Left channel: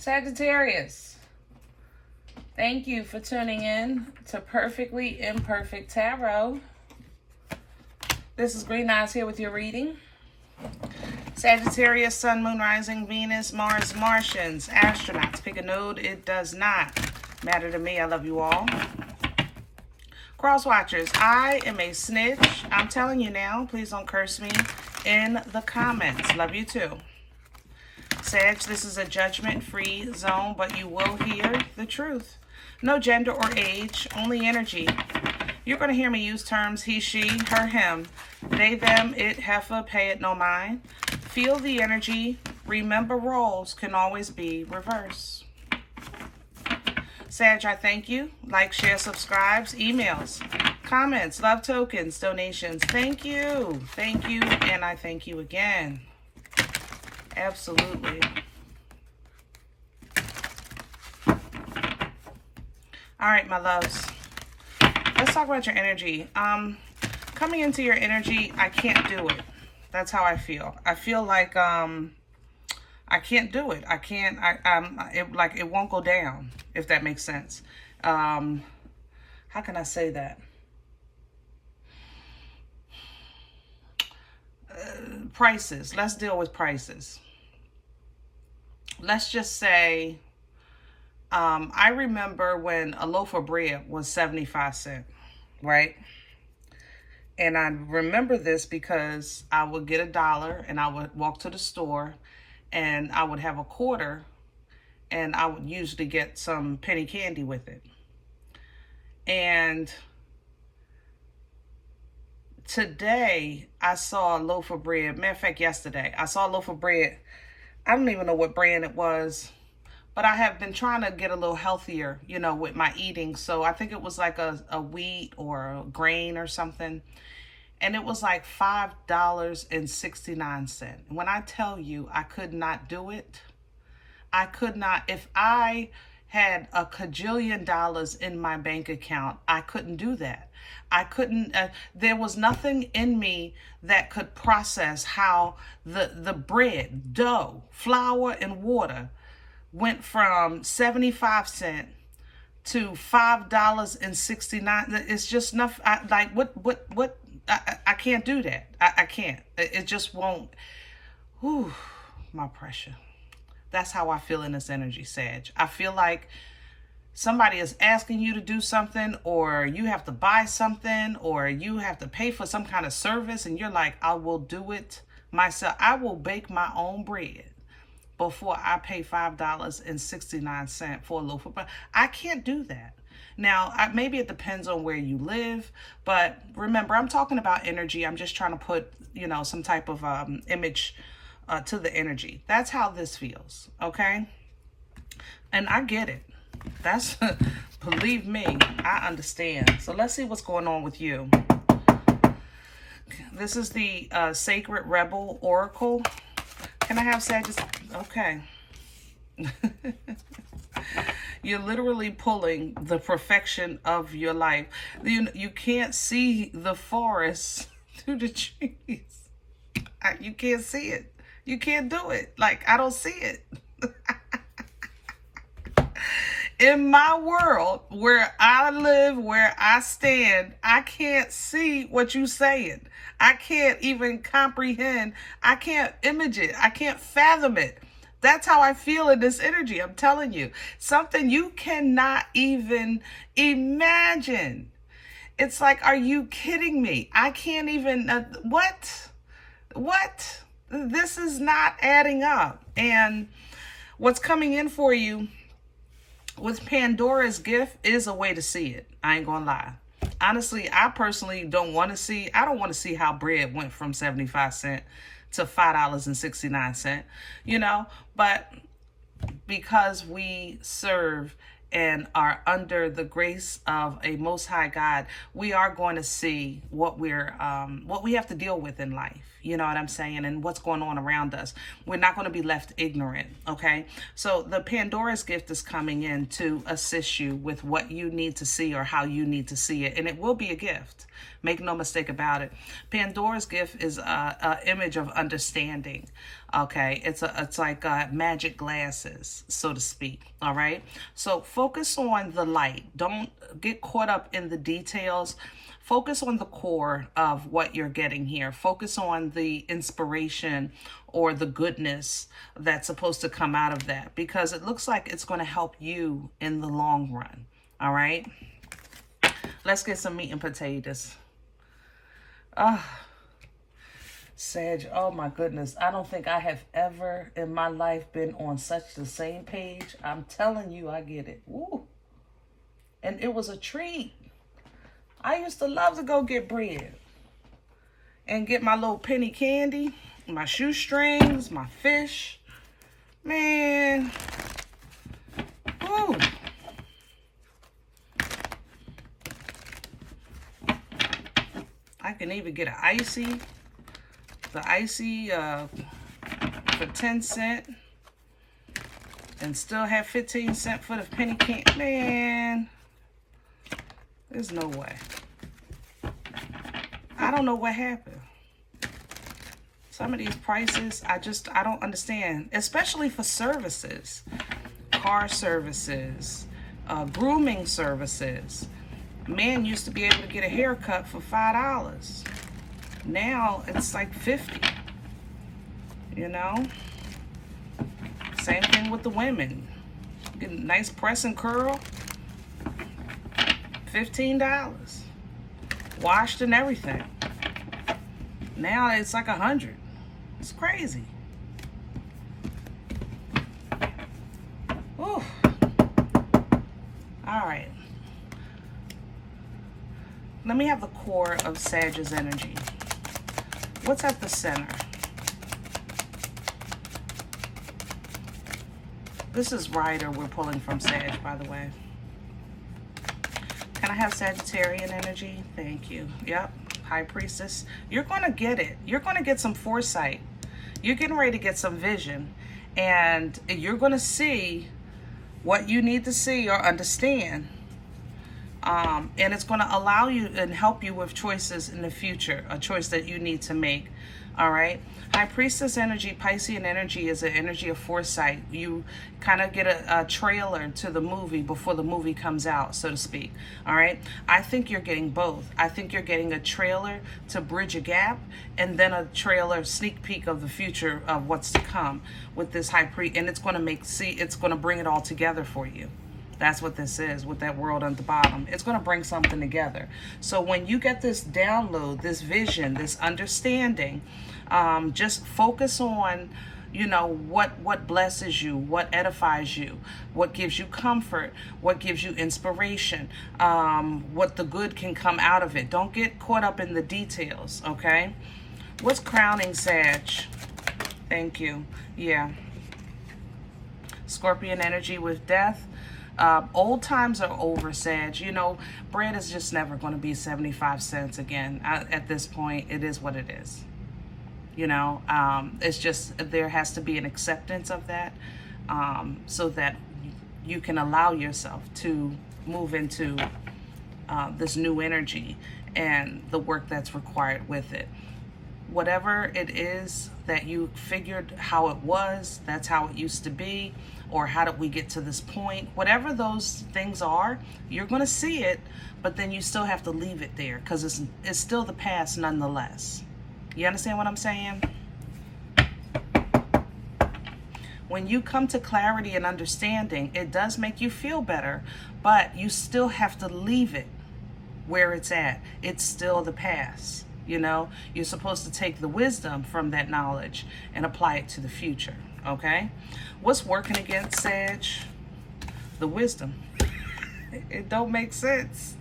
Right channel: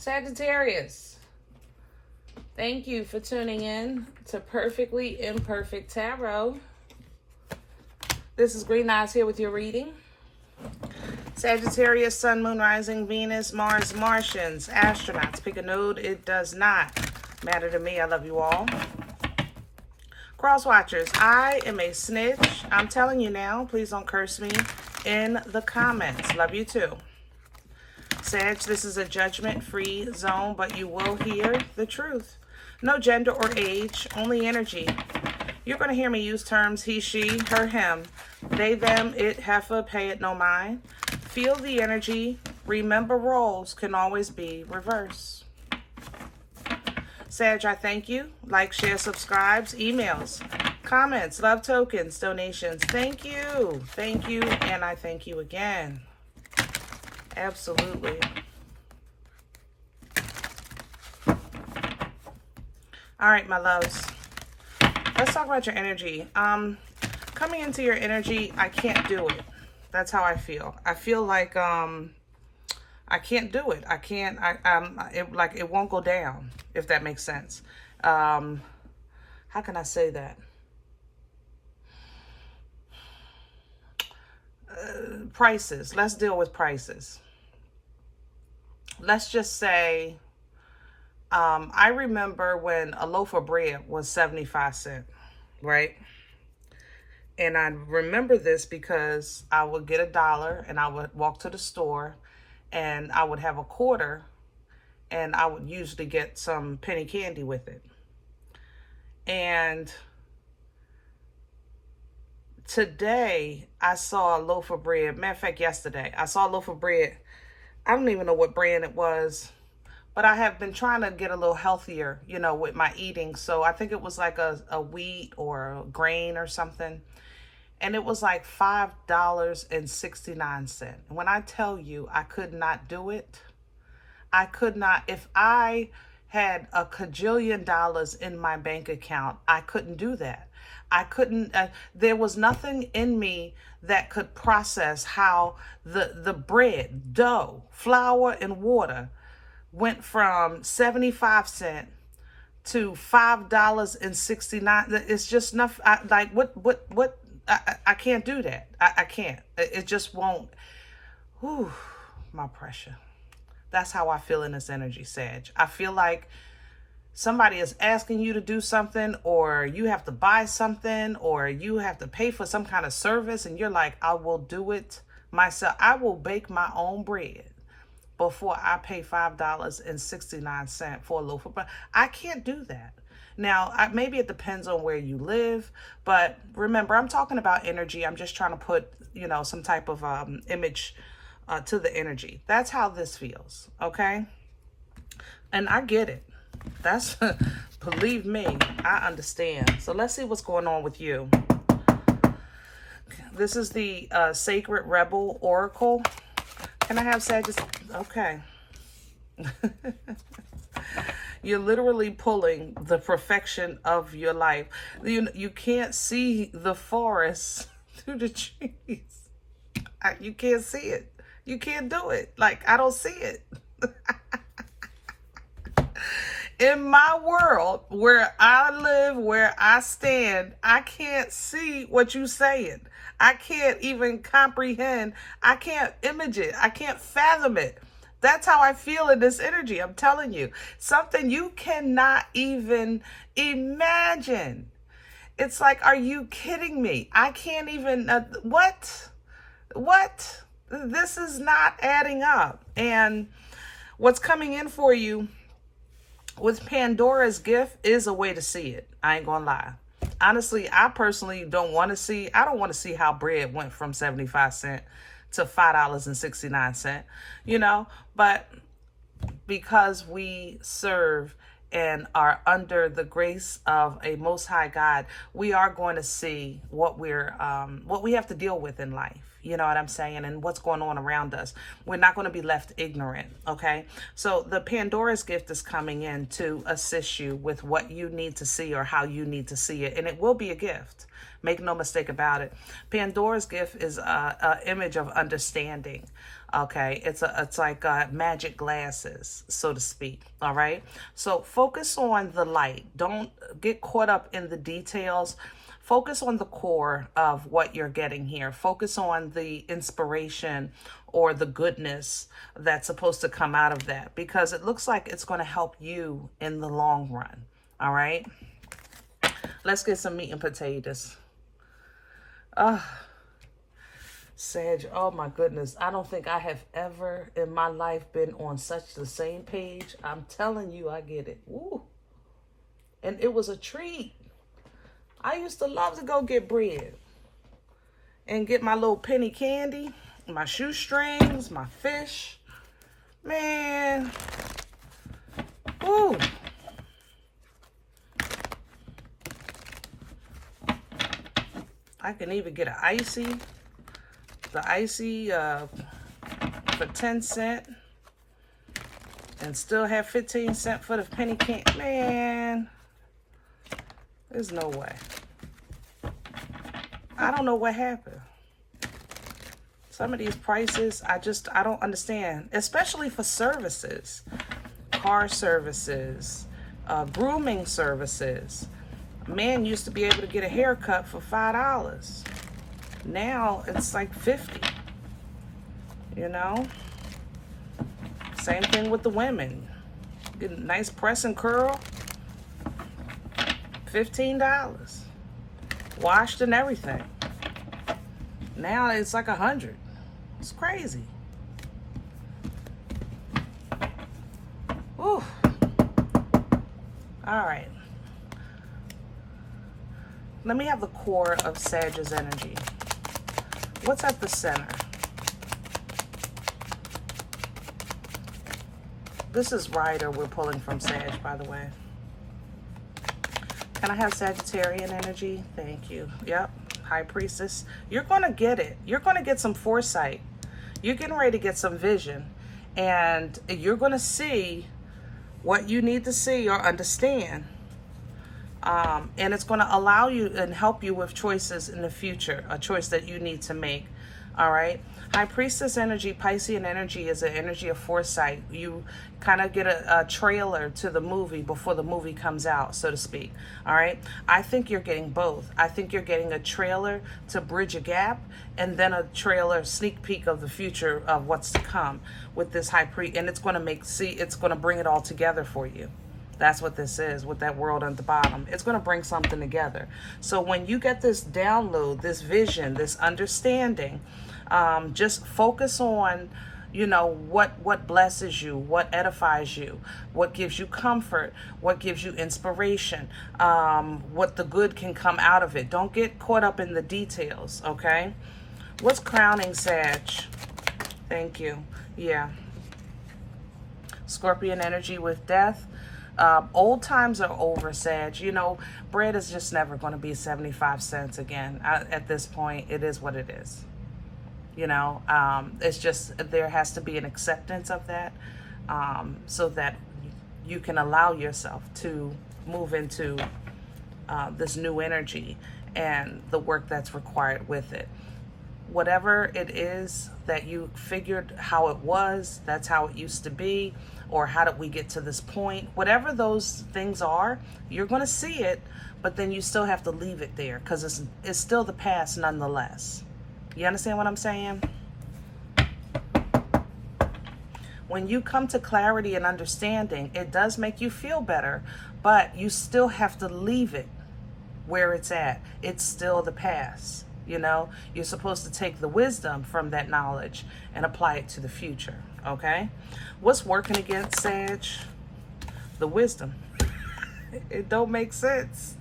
Sagittarius, thank you for tuning in to Perfectly Imperfect Tarot. This is Green Eyes here with your reading. Sagittarius, Sun, Moon, Rising, Venus, Mars, Martians, astronauts. Pick a node. It does not matter to me. I love you all. Cross watchers, I am a snitch. I'm telling you now. Please don't curse me in the comments. Love you too. Sag, this is a judgment-free zone, but you will hear the truth. No gender or age, only energy. You're going to hear me use terms he, she, her, him, they, them, it, heifer, pay it, no mind. Feel the energy. Remember, roles can always be reversed. Sag, I thank you. Like, share, subscribes, emails, comments, love tokens, donations. Thank you. Thank you, and I thank you again. Absolutely. All right, my loves. Let's talk about your energy. Coming into your energy, I can't do it. That's how I feel. I feel like I can't do it. I can't. It won't go down, if that makes sense. How can I say that? Prices. Let's deal with prices. Let's just say, I remember when a loaf of bread was 75 cents, right? And I remember this because I would get $1 and I would walk to the store and I would have a quarter and I would usually get some penny candy with it. And today I saw a loaf of bread. Matter of fact, yesterday I saw a loaf of bread. I don't even know what brand it was, but I have been trying to get a little healthier, you know, with my eating. So I think it was like a wheat or a grain or something. And it was like $5.69. When I tell you I could not do it, I could not. If I had a cajillion dollars in my bank account, I couldn't do that. I couldn't, there was nothing in me that could process how the bread, dough, flour, and water went from 75 cents to $5.69. It's just enough. I can't do that. I can't. It just won't. Whew, my pressure. That's how I feel in this energy, Sag. I feel like somebody is asking you to do something, or you have to buy something, or you have to pay for some kind of service, and you're like, I will do it myself. I will bake my own bread before I pay $5.69 for a loaf of bread. I can't do that. Now, maybe it depends on where you live, but remember, I'm talking about energy. I'm just trying to put, you know, some type of image to the energy. That's how this feels, okay? And I get it. That's, believe me, I understand. So let's see what's going on with you. This is the Sacred Rebel Oracle. Can I have Sagittarius? Okay. You're literally pulling the perfection of your life. You can't see the forest through the trees. You can't see it. You can't do it. Like, I don't see it. In my world, where I live, where I stand, I can't see what you're saying. I can't even comprehend. I can't image it. I can't fathom it. That's how I feel in this energy. I'm telling you, something you cannot even imagine. It's like, are you kidding me? I can't even, what? This is not adding up. And what's coming in for you with Pandora's gift is a way to see it. I ain't gonna lie. Honestly, I personally don't want to see how bread went from 75 cents to $5.69, you know, but because we serve and are under the grace of a Most High God, we are going to see what we have to deal with in life. You know what I'm saying? And what's going on around us. We're not going to be left ignorant, okay? So the Pandora's gift is coming in to assist you with what you need to see or how you need to see it. And it will be a gift. Make no mistake about it. Pandora's gift is a image of understanding, okay? It's like magic glasses, so to speak, all right? So focus on the light. Don't get caught up in the details. Focus on the core of what you're getting here. Focus on the inspiration or the goodness that's supposed to come out of that, because it looks like it's going to help you in the long run. All right. Let's get some meat and potatoes. Sag, oh my goodness. I don't think I have ever in my life been on such the same page. I'm telling you, I get it. Ooh. And it was a treat. I used to love to go get bread and get my little penny candy, my shoestrings, my fish. Man. Woo. I can even get an icy. The icy for 10 cents. And still have 15 cents for the penny candy. Man. There's no way. I don't know what happened. Some of these prices, I don't understand. Especially for services. Car services. Grooming services. A man used to be able to get a haircut for $5. Now it's like $50. You know? Same thing with the women. Get a nice press and curl. $15. Washed and everything. Now it's like $100. It's crazy. Ooh. All right. Let me have the core of Sag's energy. What's at the center? This is Rider we're pulling from Sag, by the way. Can I have Sagittarian energy? Thank you. Yep. High Priestess. You're going to get it. You're going to get some foresight. You're getting ready to get some vision. And you're going to see what you need to see or understand. And it's going to allow you and help you with choices in the future. A choice that you need to make. All right. High Priestess energy, Piscean energy is an energy of foresight. You kind of get a trailer to the movie before the movie comes out, so to speak. All right. I think you're getting both. I think you're getting a trailer to bridge a gap and then a trailer sneak peek of the future of what's to come with this High Priest. And it's going to it's going to bring it all together for you. That's what this is with that world at the bottom. It's going to bring something together. So when you get this download, this vision, this understanding, just focus on, you know, what blesses you, what edifies you, what gives you comfort, what gives you inspiration, what the good can come out of it. Don't get caught up in the details, okay? What's crowning Sag? Thank you. Yeah. Scorpion energy with death. Old times are over, Sag. You know, bread is just never going to be 75 cents again. At this point, it is what it is. You know, it's just, there has to be an acceptance of that, so that you can allow yourself to move into this new energy and the work that's required with it. Whatever it is that you figured how it was, that's how it used to be, or how did we get to this point, whatever those things are, you're going to see it, but then you still have to leave it there because it's still the past nonetheless. You understand what I'm saying? When you come to clarity and understanding, it does make you feel better, but you still have to leave it where it's at. It's still the past. You know, you're supposed to take the wisdom from that knowledge and apply it to the future. Okay. What's working against Sag? The wisdom. It don't make sense.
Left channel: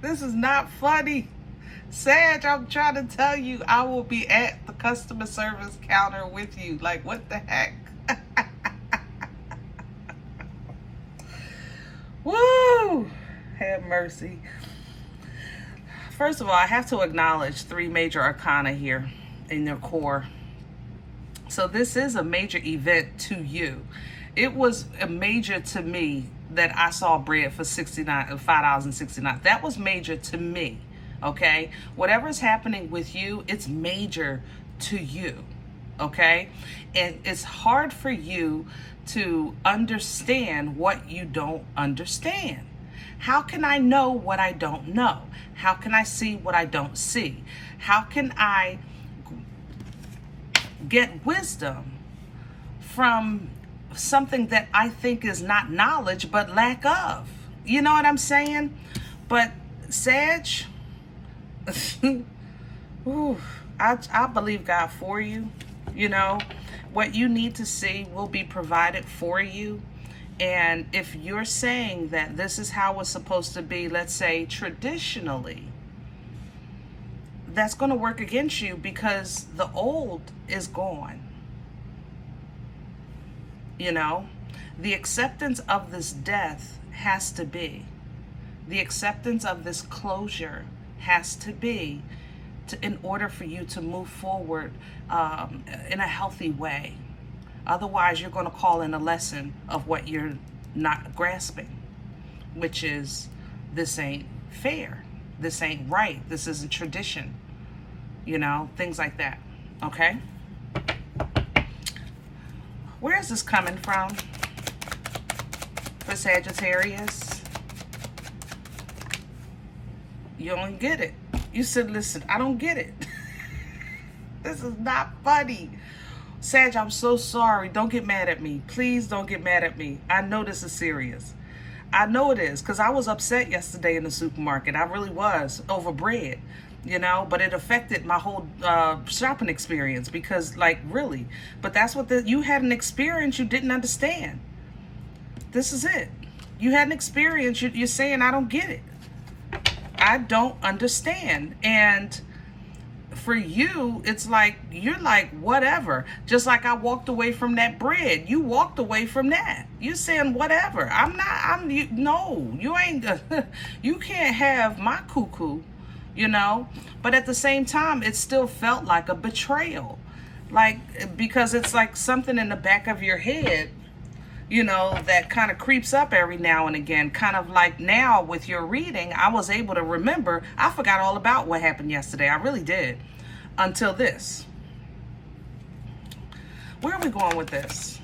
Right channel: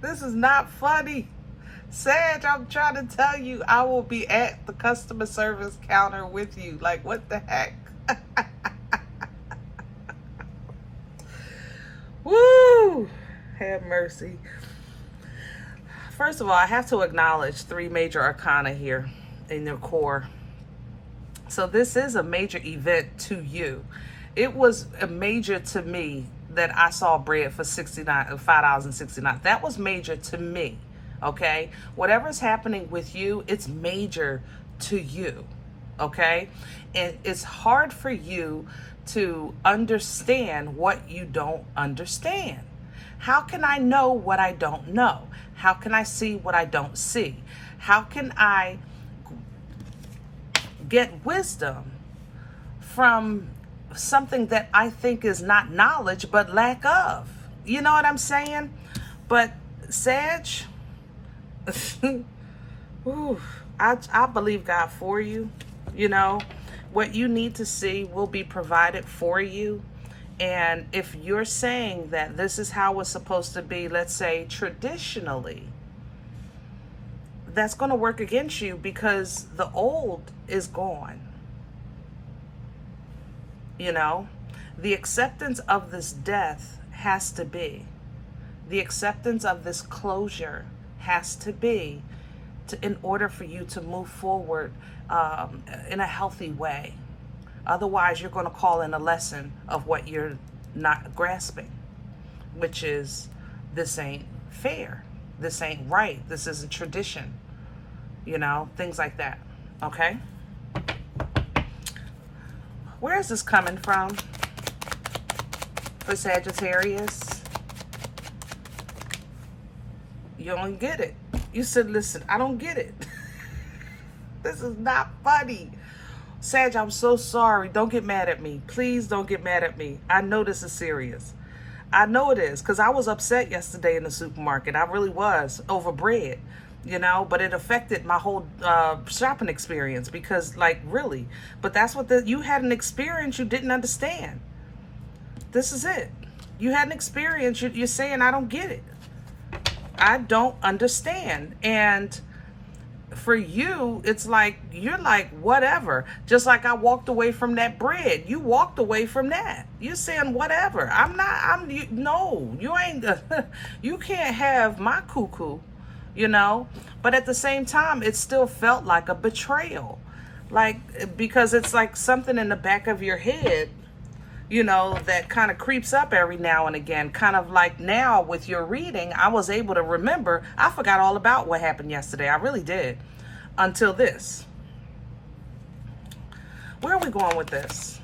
This is not funny. Sag, I'm trying to tell you, I will be at the customer service counter with you. Like, what the heck? Woo! Have mercy. First of all, I have to acknowledge 3 major arcana here in your core. So this is a major event to you. It was a major to me that I saw bread for $5.69. That was major to me, okay? Whatever's happening with you, it's major to you, okay? And it's hard for you to understand what you don't understand. How can I know what I don't know? How can I see what I don't see? How can I get wisdom from something that I think is not knowledge but lack of? You know what I'm saying? But Sag, ooh, I believe God for you. You know, what you need to see will be provided for you. And if you're saying that this is how it's supposed to be, let's say traditionally, that's going to work against you because the old is gone. You know, the acceptance of this death has to be. The acceptance of this closure has to be in order for you to move forward in a healthy way. Otherwise, you're going to call in a lesson of what you're not grasping, which is this ain't fair. This ain't right. This isn't tradition. You know, things like that. Okay? Where is this coming from for Sagittarius? You don't get it. You said, listen, I don't get it. This is not funny. Sag, I'm so sorry. Don't get mad at me. Please don't get mad at me. I know this is serious. I know it is, because I was upset yesterday in the supermarket. I really was, over bread, you know, but it affected my whole shopping experience because, like, really. But that's what you had an experience you didn't understand. This is it. You had an experience. You're saying, I don't get it. I don't understand. And for you, it's like, you're like, whatever. Just like I walked away from that bread. You walked away from that. You're saying, whatever. No, you ain't, you can't have my cuckoo, you know? But at the same time, it still felt like a betrayal. Like, because it's like something in the back of your head, you know, that kind of creeps up every now and again. Kind of like now with your reading, I was able to remember. I forgot all about what happened yesterday. I really did. Until this. Where are we going with this?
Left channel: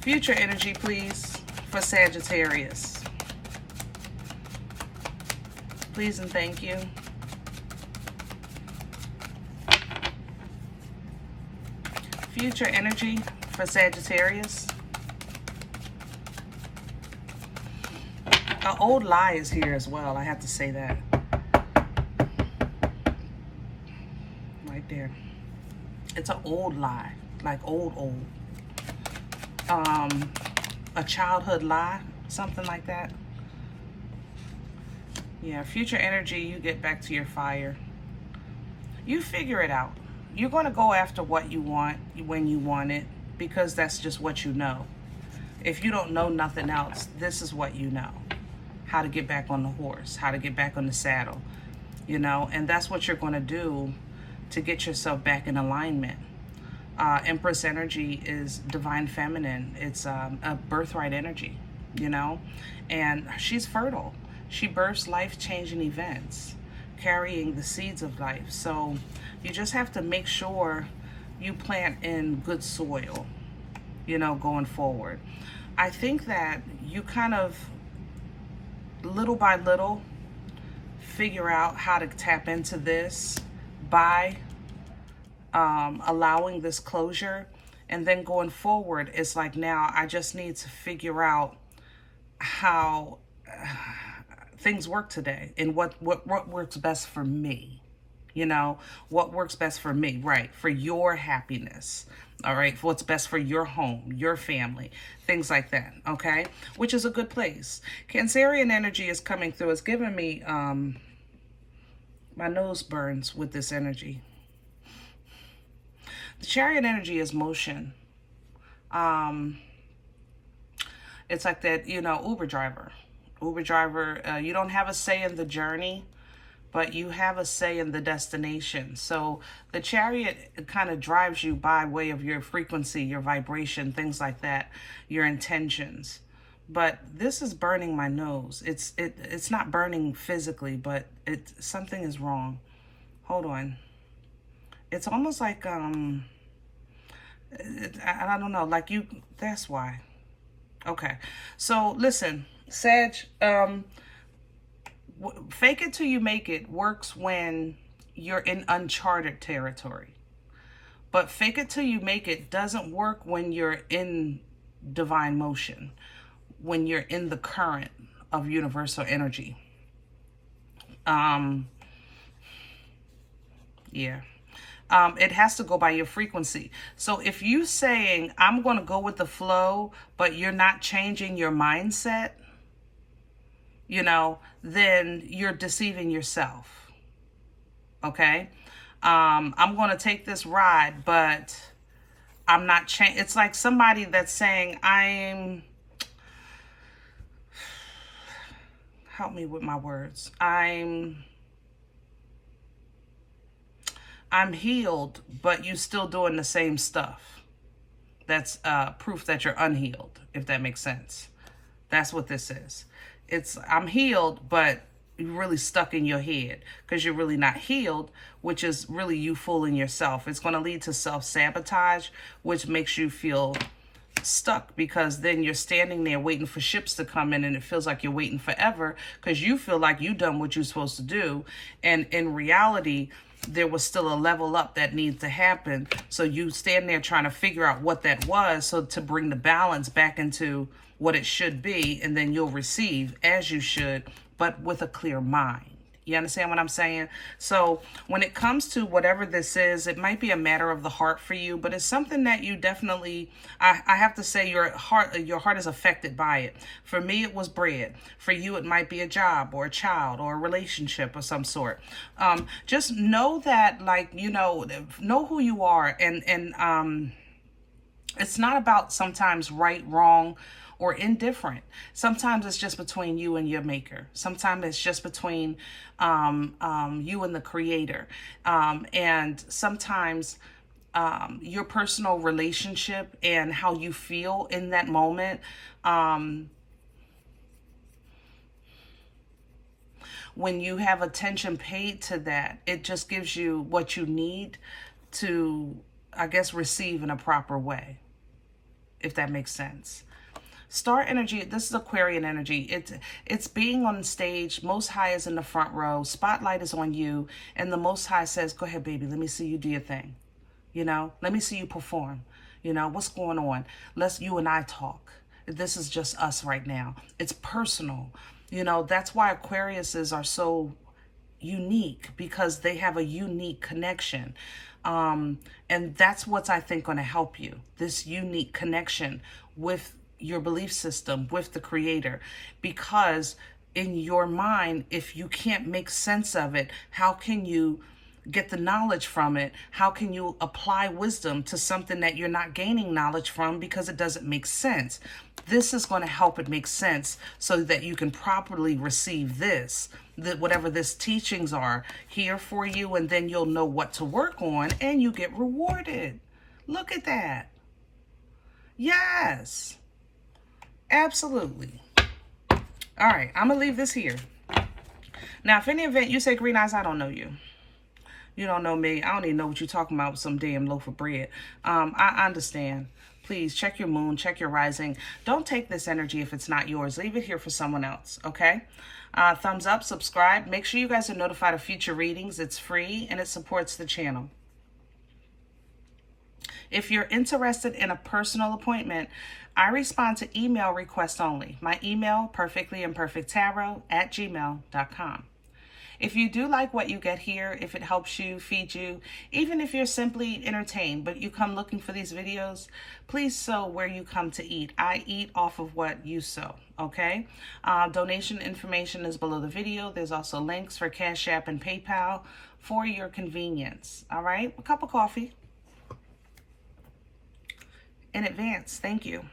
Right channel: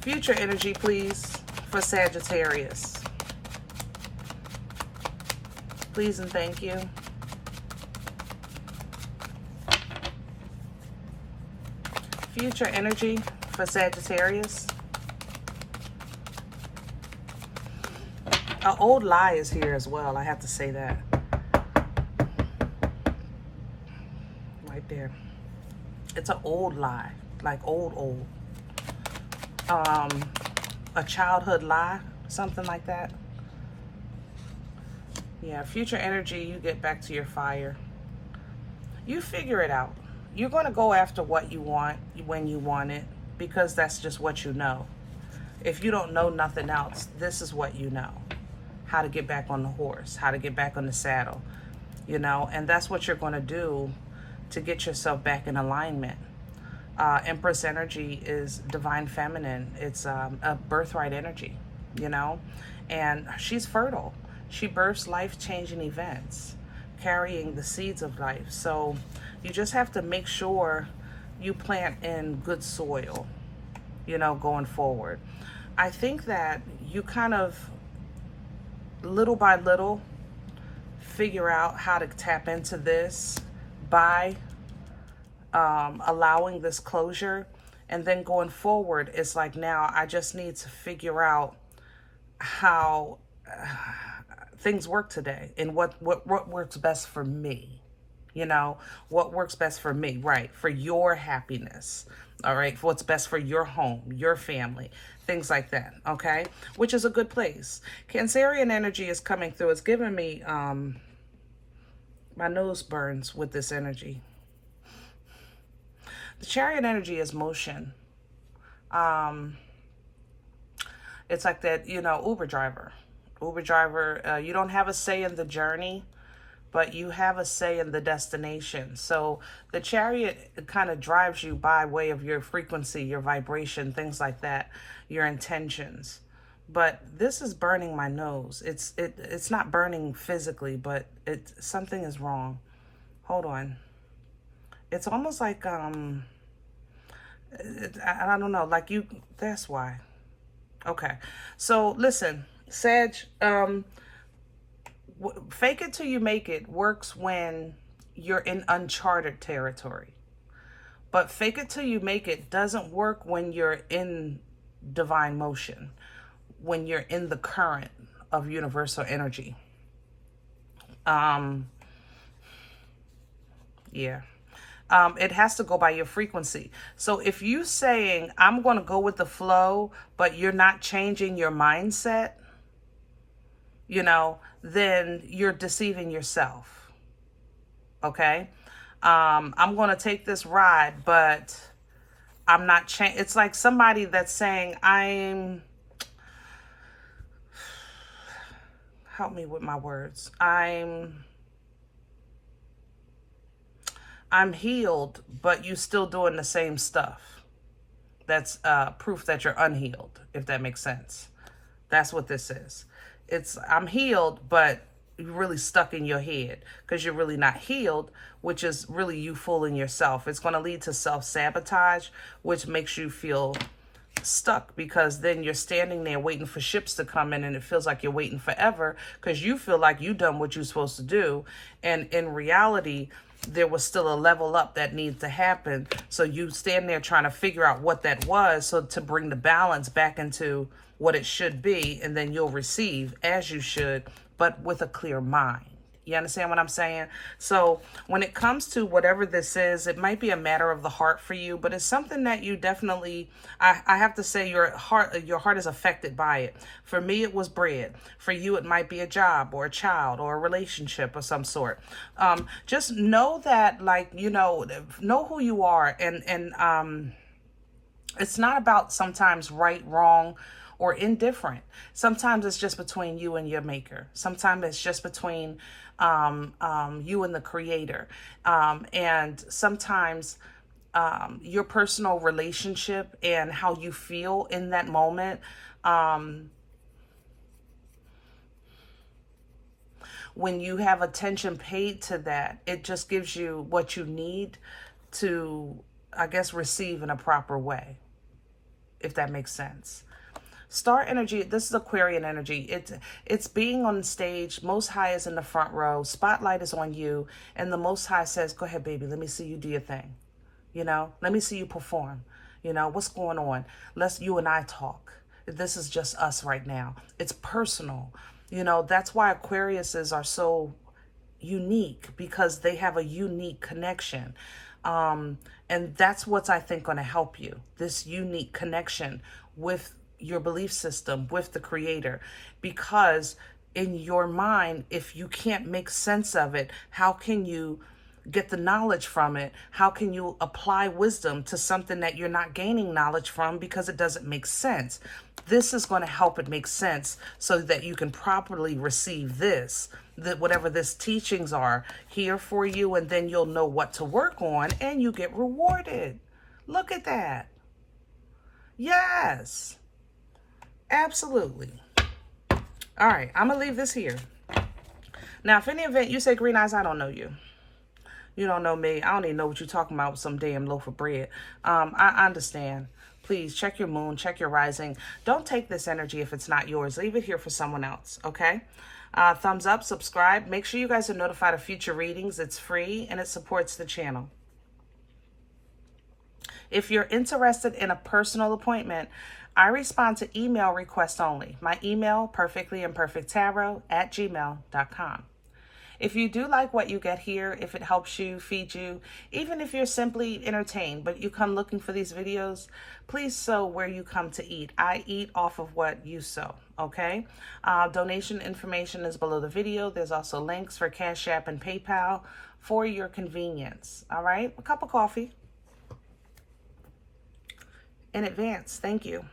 Future energy, please, for Sagittarius. Please and thank you. Future energy for Sagittarius. An old lie is here as well. I have to say that. Right there. It's an old lie. Like old. A childhood lie. Something like that. Yeah, future energy, you get back to your fire. You figure it out. You're going to go after what you want when you want it, because that's just what you know. If you don't know nothing else, this is what you know. How to get back on the horse, how to get back on the saddle, you know, and that's what you're going to do to get yourself back in alignment. Empress energy is divine feminine. It's a birthright energy, you know, and she's fertile. She births life-changing events, carrying the seeds of life. So you just have to make sure you plant in good soil, you know, going forward. I think that you kind of, little by little, figure out how to tap into this by allowing this closure. And then going forward, it's like, now I just need to figure out how things work today and what works best for me. You know, what works best for me, right? For your happiness, all right? For what's best for your home, your family, things like that, okay? Which is a good place. Cancerian energy is coming through. It's giving me, my nose burns with this energy. The Chariot energy is motion. It's like that, you know, Uber driver. You don't have a say in the journey, but you have a say in the destination. So the Chariot kind of drives you by way of your frequency, your vibration, things like that, your intentions. But this is burning my nose. It's not burning physically, but something is wrong. Hold on. It's almost like I don't know, like that's why. Okay. So listen, Sag, fake it till you make it works when you're in uncharted territory. But fake it till you make it doesn't work when you're in divine motion, when you're in the current of universal energy. Yeah. It has to go by your frequency. So if you saying, I'm going to go with the flow, but you're not changing your mindset, then you're deceiving yourself. Okay? I'm going to take this ride, but I'm not changing. It's like somebody that's saying, help me with my words. I'm healed, but you still doing the same stuff. That's proof that you're unhealed, if that makes sense. That's what this is. I'm healed, but you're really stuck in your head because you're really not healed, which is really you fooling yourself. It's going to lead to self-sabotage, which makes you feel stuck, because then you're standing there waiting for ships to come in, and it feels like you're waiting forever because you feel like you've done what you're supposed to do. And in reality, there was still a level up that needs to happen. So you stand there trying to figure out what that was, so to bring the balance back into what it should be, and then you'll receive as you should, but with a clear mind. You understand what I'm saying? So when it comes to whatever this is, it might be a matter of the heart for you, but it's something that you definitely, I have to say, your heart is affected by it. For me, it was bread. For you, it might be a job or a child or a relationship of some sort. Just know that, like, know who you are. And it's not about sometimes right, wrong, or indifferent. Sometimes it's just between you and your maker. Sometimes it's just between you and the creator. And sometimes your personal relationship and how you feel in that moment. When you have attention paid to that, it just gives you what you need to, I guess, receive in a proper way, if that makes sense. Star energy, this is Aquarian energy. It's being on stage. Most High is in the front row. Spotlight is on you. And the Most High says, go ahead, baby. Let me see you do your thing. Let me see you perform. What's going on? Let's you and I talk. This is just us right now. It's personal. That's why Aquariuses are so unique, because they have a unique connection. And that's what's, I think, going to help you. This unique connection with your belief system, with the creator, because in your mind, if you can't make sense of it, how can you get the knowledge from it? How can you apply wisdom to something that you're not gaining knowledge from because it doesn't make sense? This is going to help it make sense so that you can properly receive this, that whatever this teachings are here for you, and then you'll know what to work on and you get rewarded. Look at that. Yes. Absolutely. All right, I'm going to leave this here. Now, if any event you say, Green Eyes, I don't know you. You don't know me. I don't even know what you're talking about with some damn loaf of bread. I understand. Please check your moon, check your rising. Don't take this energy if it's not yours. Leave it here for someone else, okay? Thumbs up, subscribe. Make sure you guys are notified of future readings. It's free and it supports the channel. If you're interested in a personal appointment, I respond to email requests only. My email, perfectlyimperfecttarot@gmail.com. If you do like what you get here, if it helps you, feed you, even if you're simply entertained, but you come looking for these videos, please sow where you come to eat. I eat off of what you sow, okay? Donation information is below the video. There's also links for CashApp and PayPal for your convenience, all right? A cup of coffee. In advance, thank you.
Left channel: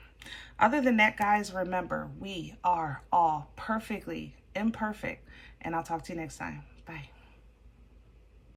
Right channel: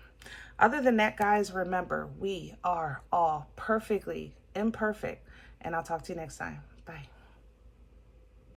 Other than that, guys, remember, we are all perfectly imperfect. And I'll talk to you next time.